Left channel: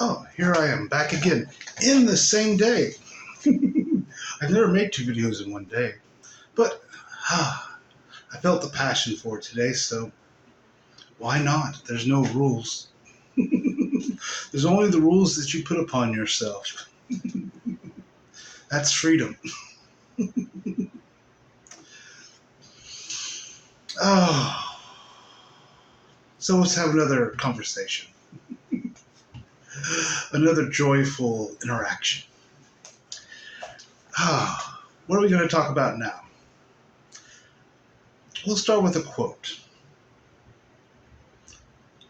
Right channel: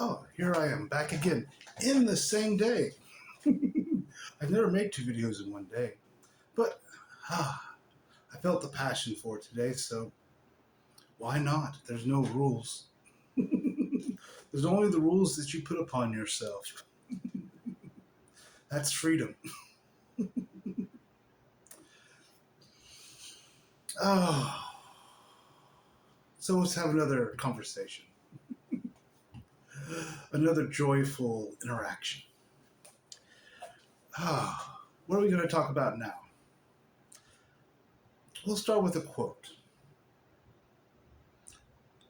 Oh, here I am back again in the same day. I've never made 2 videos in one day, but I felt the passion for it today, so why not? There's no rules. There's only the rules that you put upon yourself. That's freedom. Oh, so let's have another conversation, another joyful interaction. What are we going to talk about now? We'll start with a quote.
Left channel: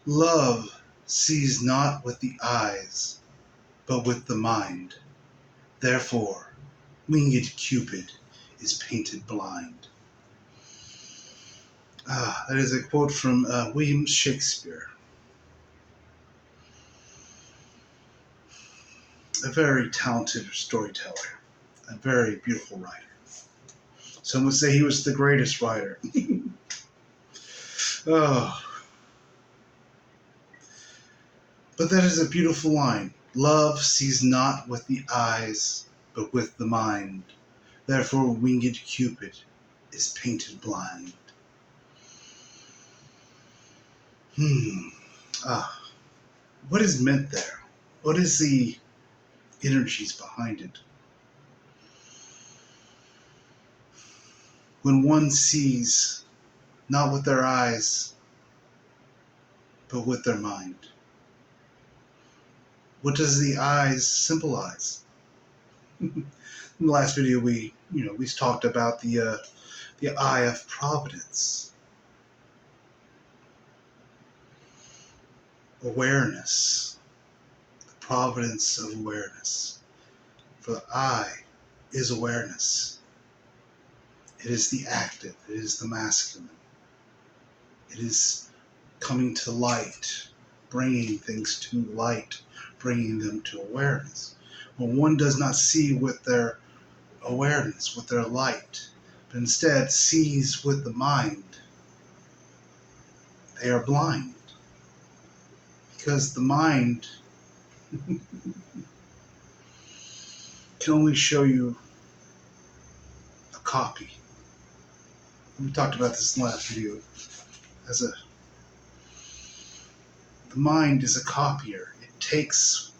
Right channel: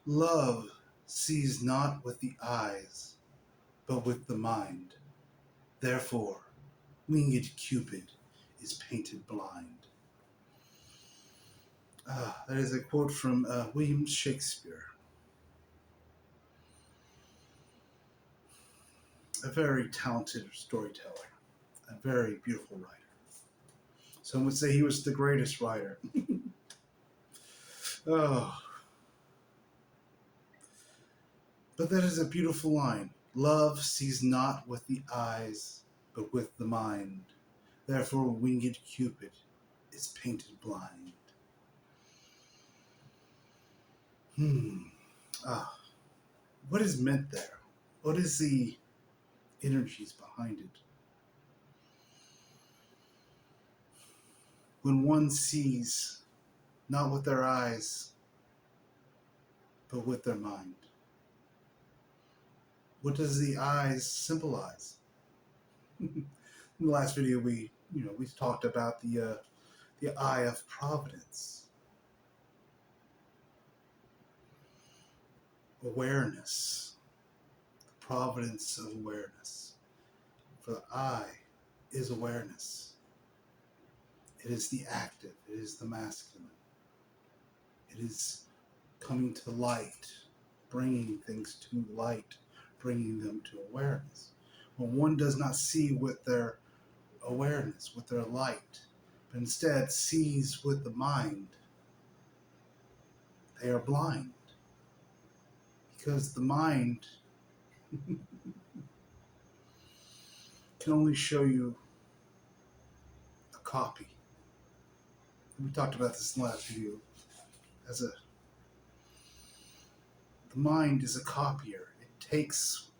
Love sees not with the eyes, but with the mind. Therefore, winged Cupid is painted blind. That is a quote from William Shakespeare. A very talented storyteller, a very beautiful writer. Some would say he was the greatest writer. Oh, but that is a beautiful line. Love sees not with the eyes, but with the mind. Therefore, winged Cupid is painted blind. What is meant there? What is the energies behind it? When one sees not with their eyes, but with their mind. What does the eyes symbolize? In the last video, we talked about the eye of providence, awareness, the providence of awareness. For the eye is awareness. It is the active. It is the masculine. It is coming to light, bringing things to light, bringing them to awareness. When one does not see with their awareness, with their light, but instead sees with the mind, they are blind. Because the mind can only show you a copy. We talked about this in the last video. The mind is a copier. It takes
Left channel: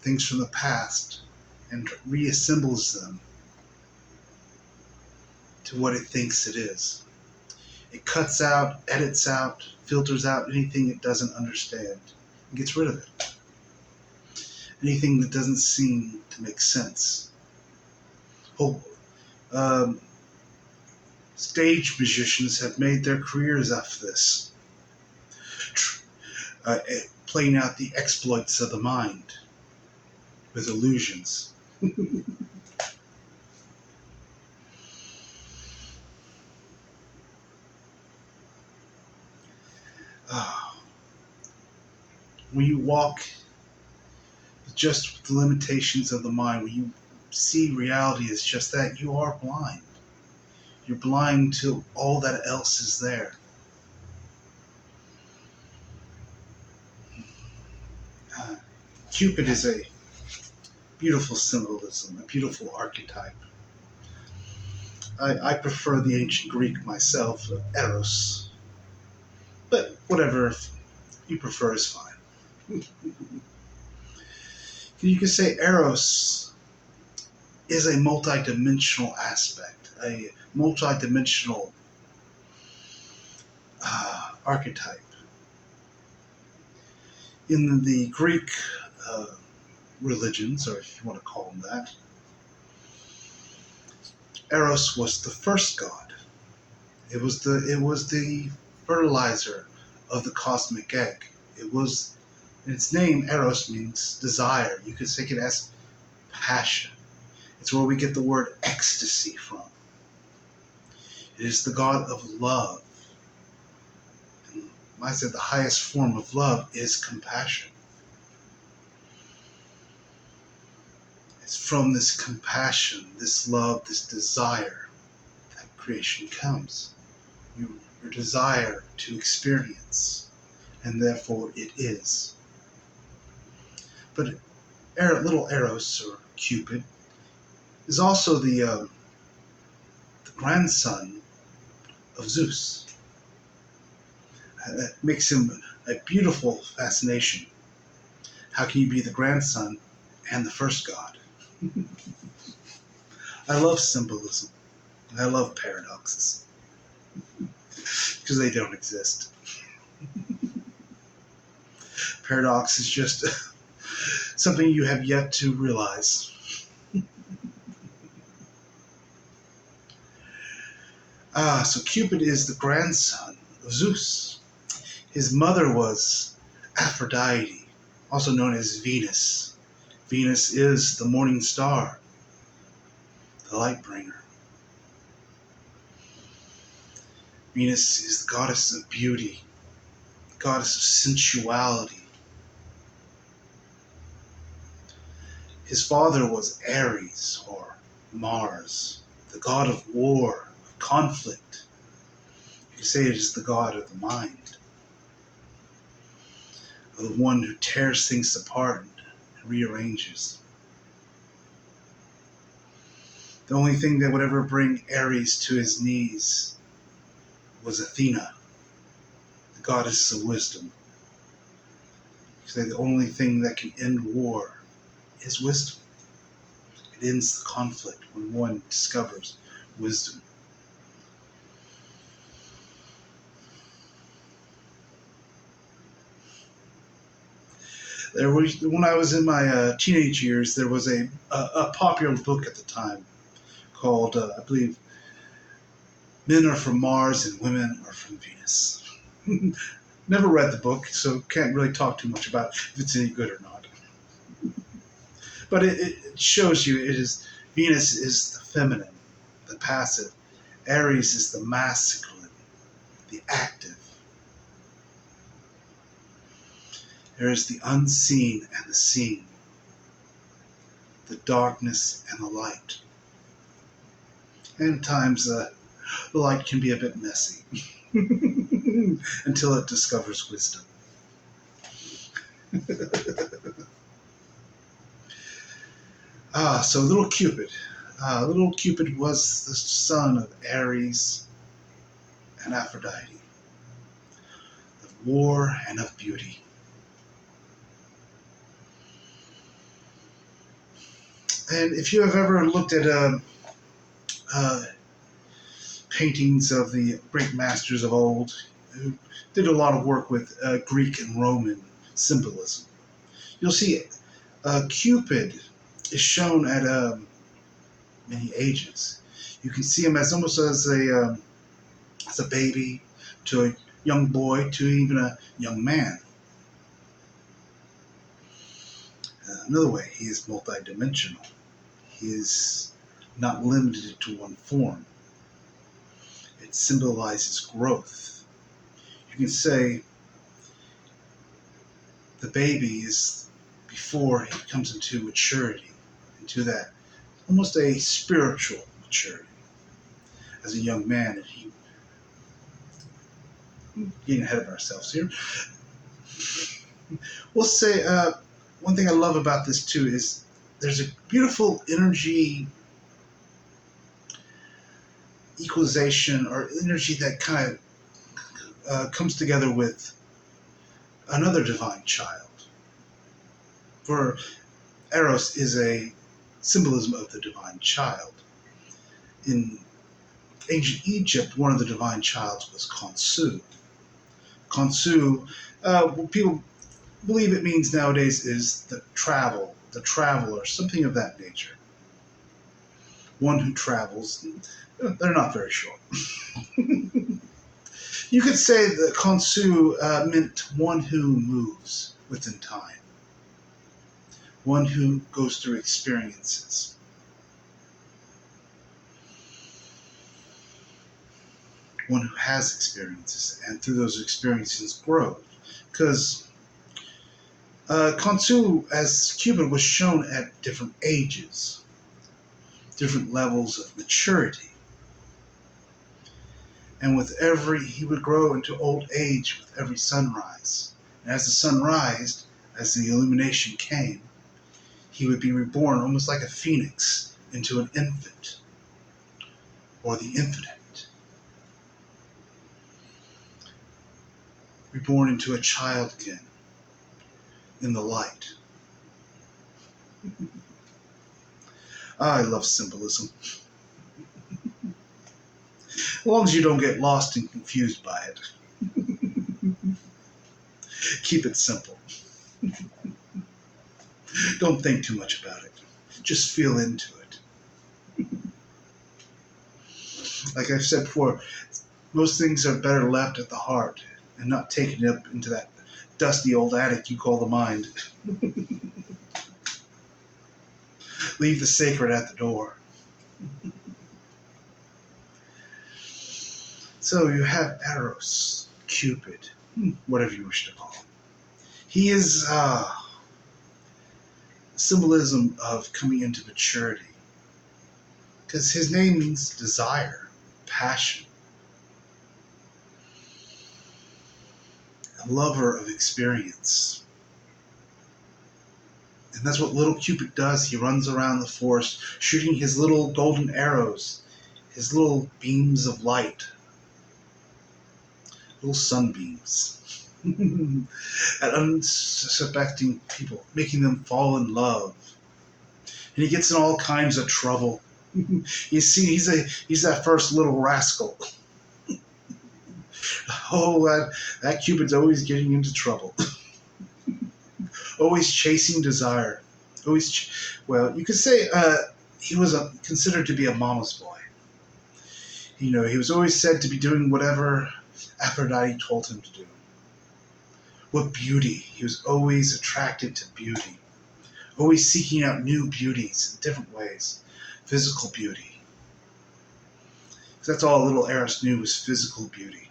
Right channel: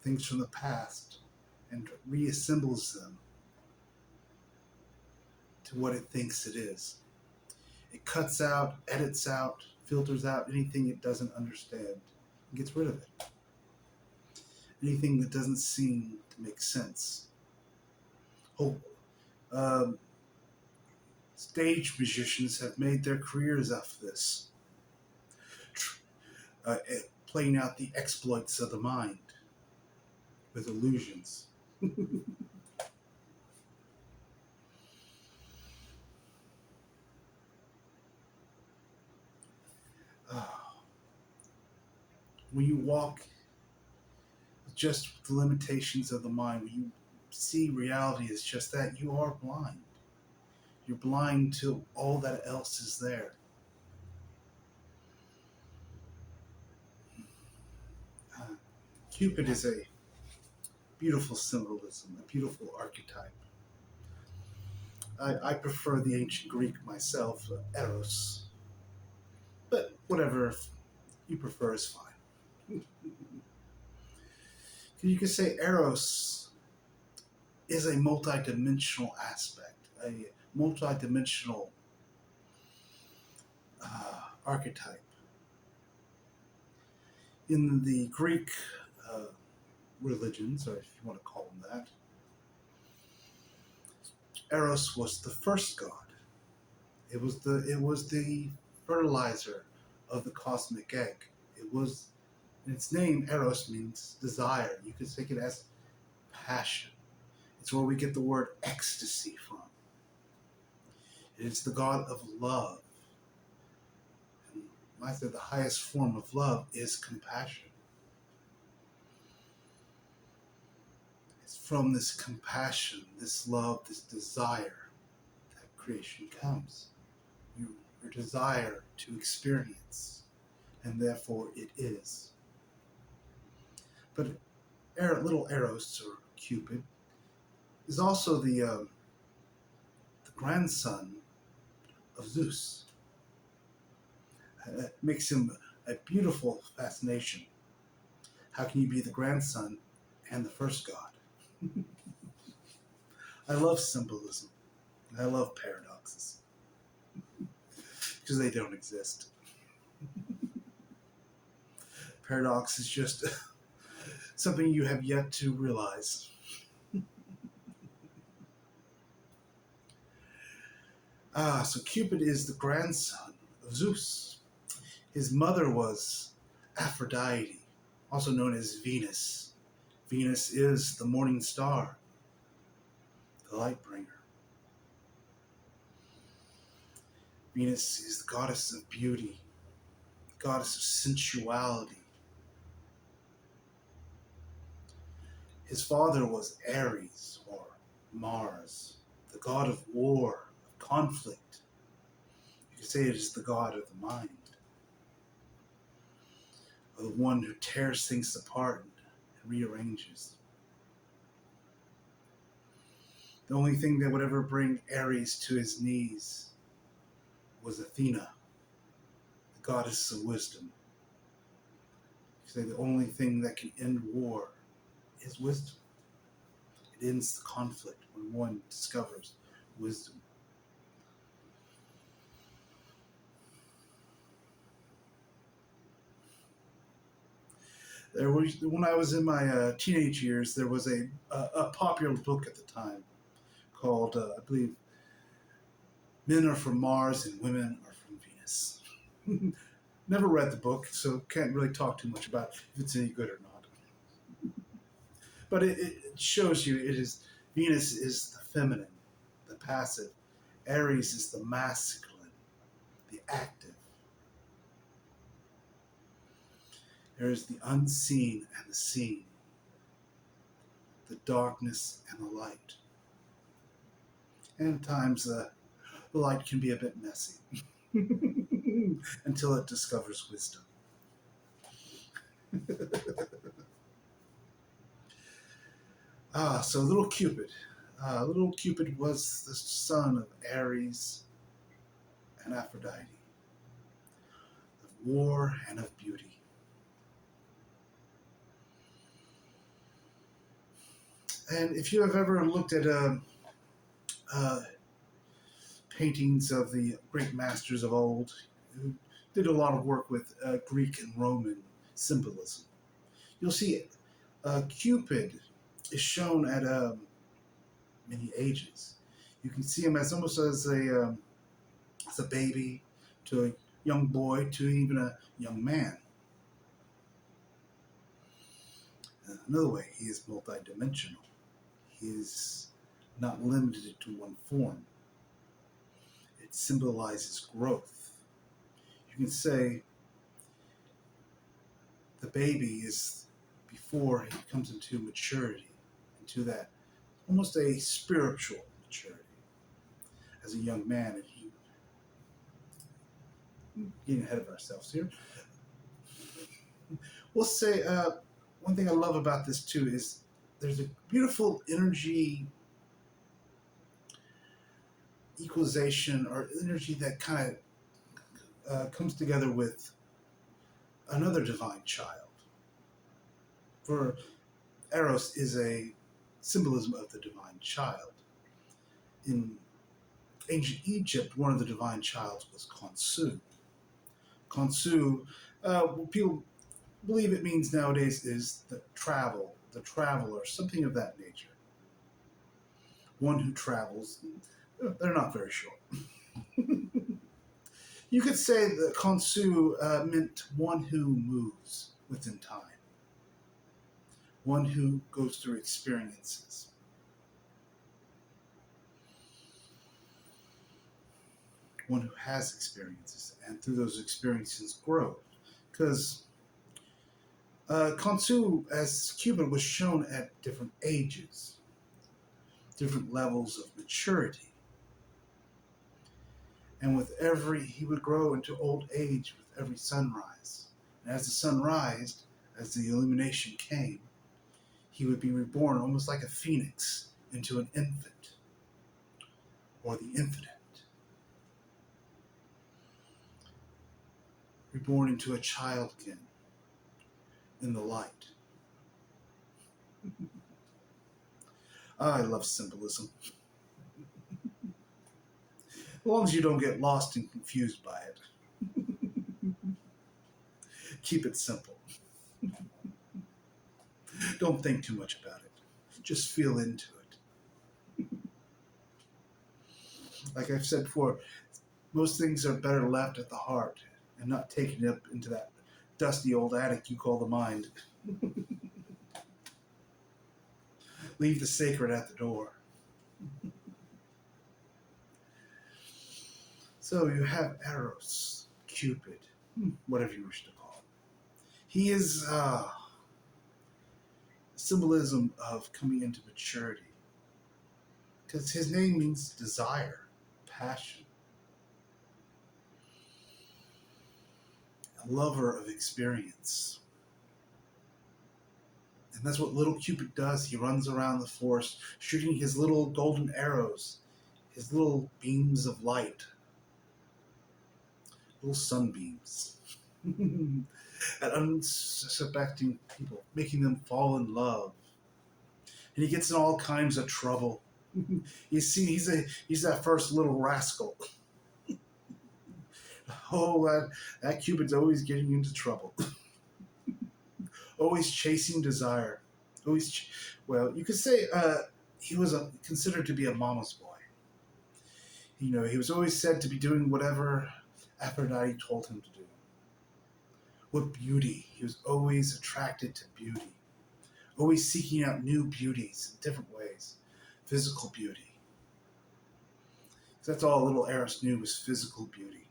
things from the past and reassembles them to what it thinks it is. It cuts out, edits out, filters out anything it doesn't understand and gets rid of it. Anything that doesn't seem to make sense. Stage musicians have made their careers off this, playing out the exploits of the mind with illusions. When you walk just with the limitations of the mind, when you see reality as just that, you are blind. You're blind to all that else is there. Cupid is a beautiful symbolism, a beautiful archetype. I prefer the ancient Greek myself, Eros. But whatever you prefer is fine. You could say Eros is a multidimensional aspect, a multidimensional archetype. In the Greek religions, or if you want to call them that, Eros was the first god. It was the fertilizer of the cosmic egg. Its name, Eros, means desire. You could take it as passion. It's where we get the word ecstasy from. It is the god of love. And I said the highest form of love is compassion. It's from this compassion, this love, this desire that creation comes. Your desire to experience, and therefore it is. But little Eros, or Cupid, is also the grandson of Zeus. That makes him a beautiful fascination. How can you be the grandson and the first god? I love symbolism. I love paradoxes because they don't exist. Paradox is just something you have yet to realize. So Cupid is the grandson of Zeus. His mother was Aphrodite, also known as Venus. Venus is the morning star, the light bringer. Venus is the goddess of beauty, the goddess of sensuality. His father was Ares, or Mars, the god of war, of conflict. You could say it is the god of the mind, the one who tears things apart and rearranges. The only thing that would ever bring Ares to his knees was Athena, the goddess of wisdom. You say the only thing that can end war is wisdom. It ends the conflict when one discovers wisdom. When I was in my teenage years, there was a popular book at the time called, I believe, Men Are From Mars and Women Are From Venus. Never read the book, so can't really talk too much about if it's any good or not. But it shows you Venus is the feminine, the passive. Aries is the masculine, the active. There is the unseen and the seen, the darkness and the light. And at times the light can be a bit messy until it discovers wisdom. So little Cupid. Little Cupid was the son of Ares and Aphrodite, of war and of beauty. And if you have ever looked at paintings of the great masters of old, who did a lot of work with Greek and Roman symbolism, you'll see Cupid is shown at many ages. You can see him as almost as a baby, to a young boy, to even a young man. Another way, he is multidimensional. He is not limited to one form. It symbolizes growth. You can say the baby is before he comes into maturity, into that almost a spiritual maturity. As a young man, and he getting ahead of ourselves here. We'll say one thing I love about this too is there's a beautiful energy equalization, or energy that kind of comes together with another divine child. For Eros is a symbolism of the divine child. In ancient Egypt, one of the divine childs was Khonsu. Khonsu, people believe it means nowadays is the traveler, something of that nature. One who travels. They're not very sure. You could say that Khonsu meant one who moves within time, one who goes through experiences. One who has experiences, and through those experiences grows. Because Khonsu, as Cupid, was shown at different ages, different levels of maturity. And he would grow into old age with every sunrise. And as the sun rised, as the illumination came, he would be reborn almost like a phoenix into an infant or the infinite, reborn into a child again in the light. I love symbolism. As long as you don't get lost and confused by it. Keep it simple. Don't think too much about it. Just feel into it. Like I've said before, most things are better left at the heart and not taken up into that dusty old attic you call the mind. Leave the sacred at the door. So you have Eros, Cupid, whatever you wish to call him. He is symbolism of coming into maturity. Because his name means desire, passion, a lover of experience. And that's what little Cupid does. He runs around the forest shooting his little golden arrows, his little beams of light, little sunbeams, at unsuspecting people, making them fall in love. And he gets in all kinds of trouble. You see, he's that first little rascal. Oh, that Cupid's always getting into trouble. Always chasing desire. Well, you could say he was considered to be a mama's boy. You know, he was always said to be doing whatever Aphrodite told him to do. With beauty, he was always attracted to beauty. Always seeking out new beauties in different ways. Physical beauty. That's all little Eros knew was physical beauty.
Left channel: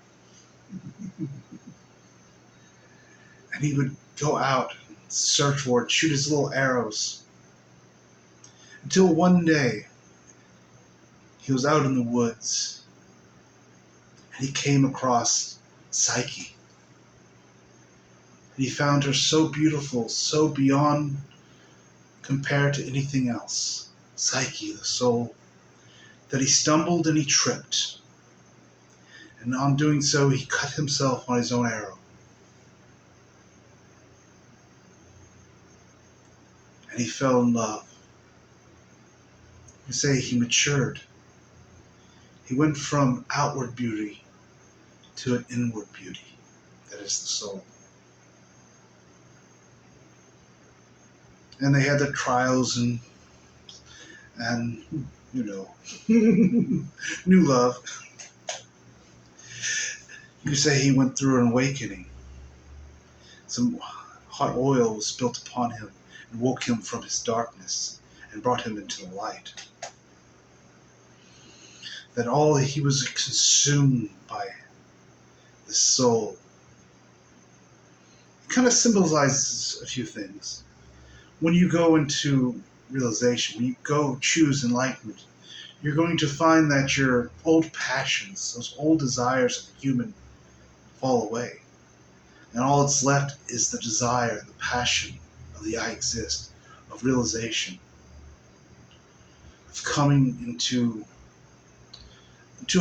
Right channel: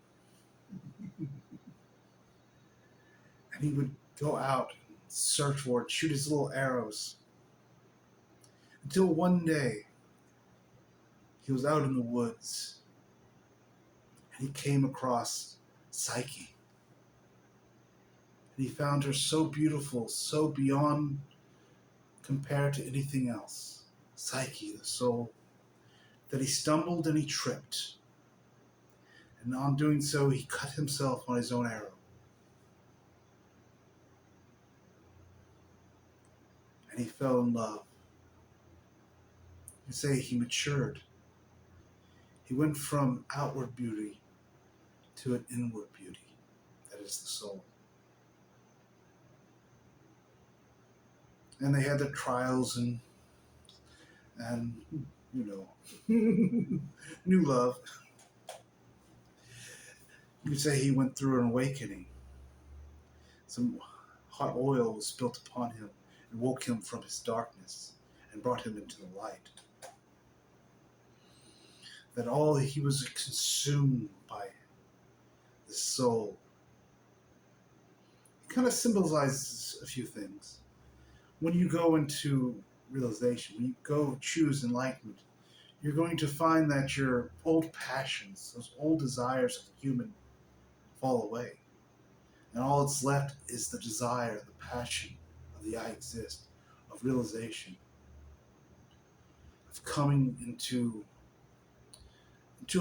And he would go out and search for it, shoot his little arrows. Until one day, he was out in the woods and he came across Psyche. And he found her so beautiful, so beyond compared to anything else. Psyche, the soul, that he stumbled and he tripped. And on doing so, he cut himself on his own arrow. And he fell in love. You say he matured. He went from outward beauty to an inward beauty. That is the soul. And they had their trials and you know, new love. You say he went through an awakening. Some hot oil was spilt upon him and woke him from his darkness and brought him into the light. That all he was consumed by the soul. It kind of symbolizes a few things. When you go into realization, when you go choose enlightenment, you're going to find that your old passions, those old desires of the human, fall away. And all that's left is the desire, the passion of the I exist, of realization, of coming into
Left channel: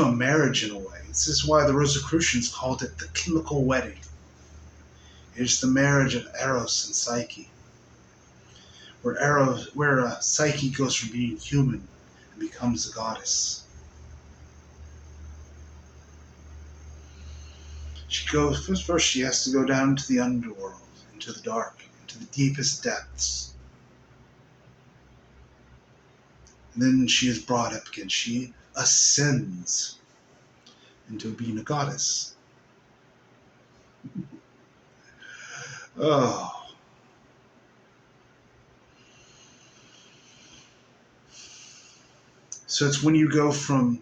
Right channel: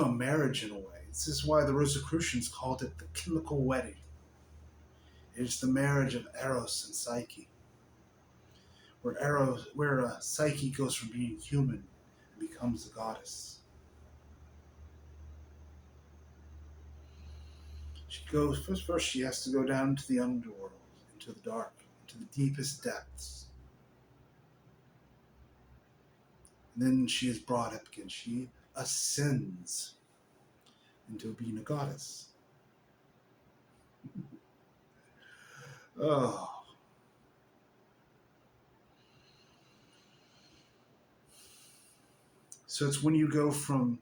a marriage in a way. This is why the Rosicrucians called it the chemical wedding. It's the marriage of Eros and Psyche, where Psyche goes from being human and becomes a goddess. First she has to go down into the underworld, into the dark, into the deepest depths. And then she is brought up again. She ascends into being a goddess. Oh. So it's when you go from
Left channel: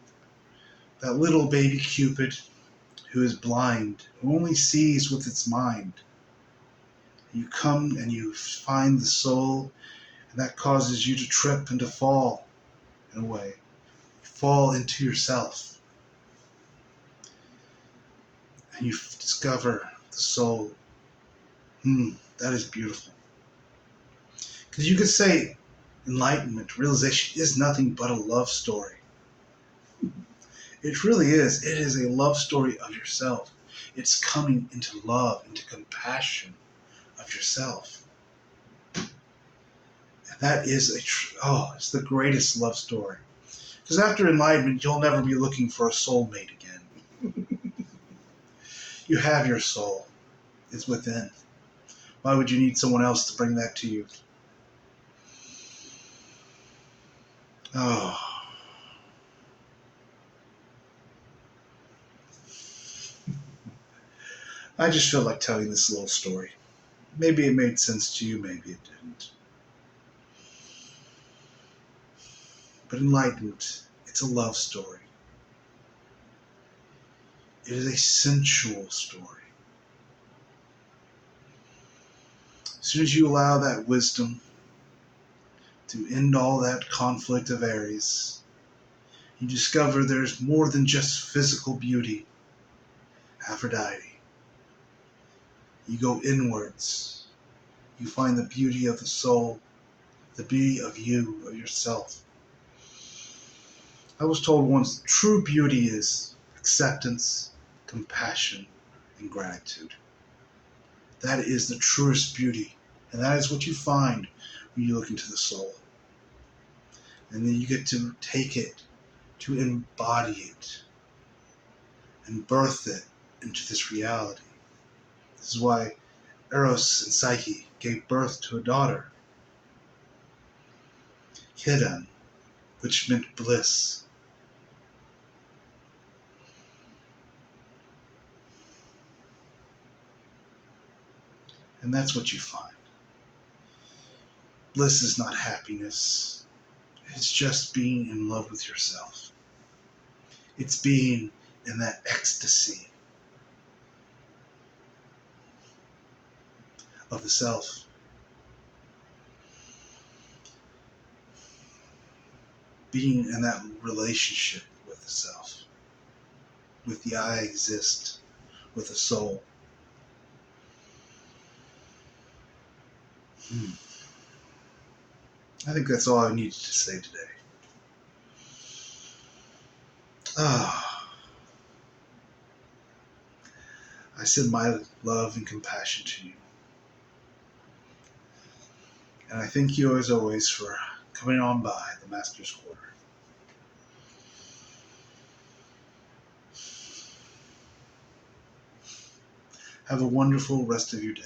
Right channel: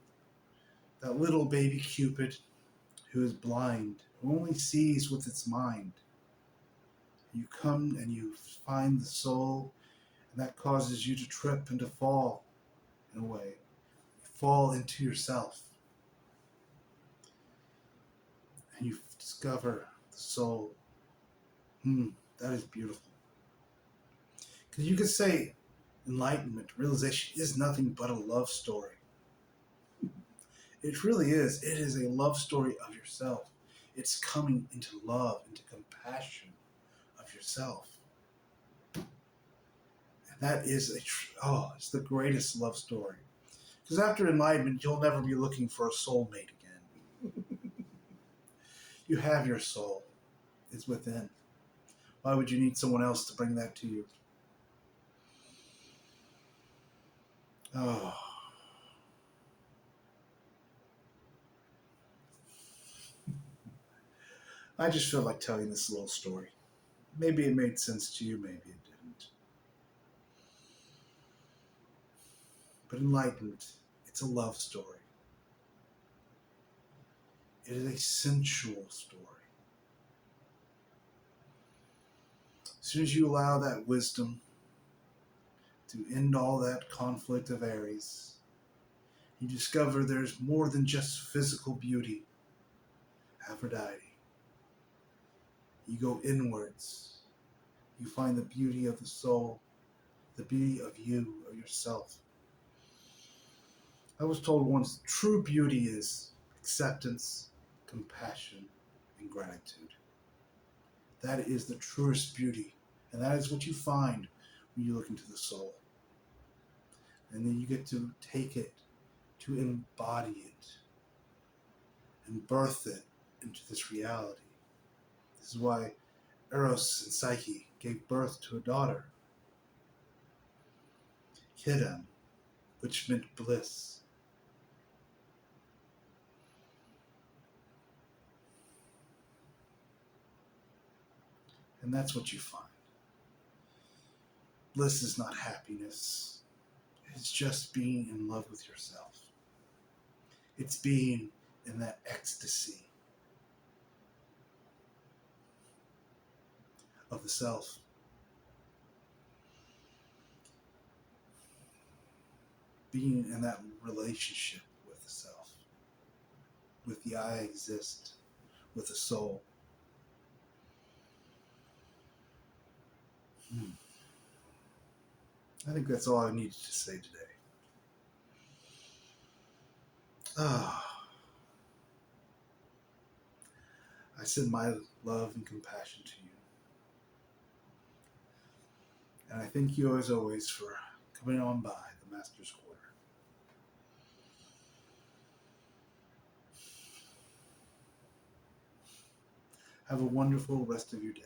that little baby Cupid who is blind, who only sees with its mind. You come and you find the soul, and that causes you to trip and to fall in a way. Fall into yourself. And you discover the soul. That is beautiful. Because you could say enlightenment, realization, is nothing but a love story. It really is. It is a love story of yourself. It's coming into love, into compassion of yourself. And that is it's the greatest love story. Because after enlightenment, you'll never be looking for a soulmate again. You have your soul. It's within. Why would you need someone else to bring that to you? Oh. I just feel like telling this little story. Maybe it made sense to you, maybe it didn't. But enlightenment, it's a love story. It is a sensual story. As soon as you allow that wisdom to end all that conflict of Aries, you discover there's more than just physical beauty. Aphrodite. You go inwards. You find the beauty of the soul, the beauty of you, of yourself. I was told once true beauty is acceptance, compassion, and gratitude. That is the truest beauty. And that is what you find when you look into the soul. And then you get to take it, to embody it, and birth it into this reality. This is why Eros and Psyche gave birth to a daughter, Hidden, which meant bliss. And that's what you find. Bliss is not happiness. It's just being in love with yourself. It's being in that ecstasy of the self. Being in that relationship with the self. With the I exist. With the soul. I think that's all I needed to say today. I send my love and compassion to you. And I thank you as always for coming on by the Master's Quarter. Have a wonderful rest of your day.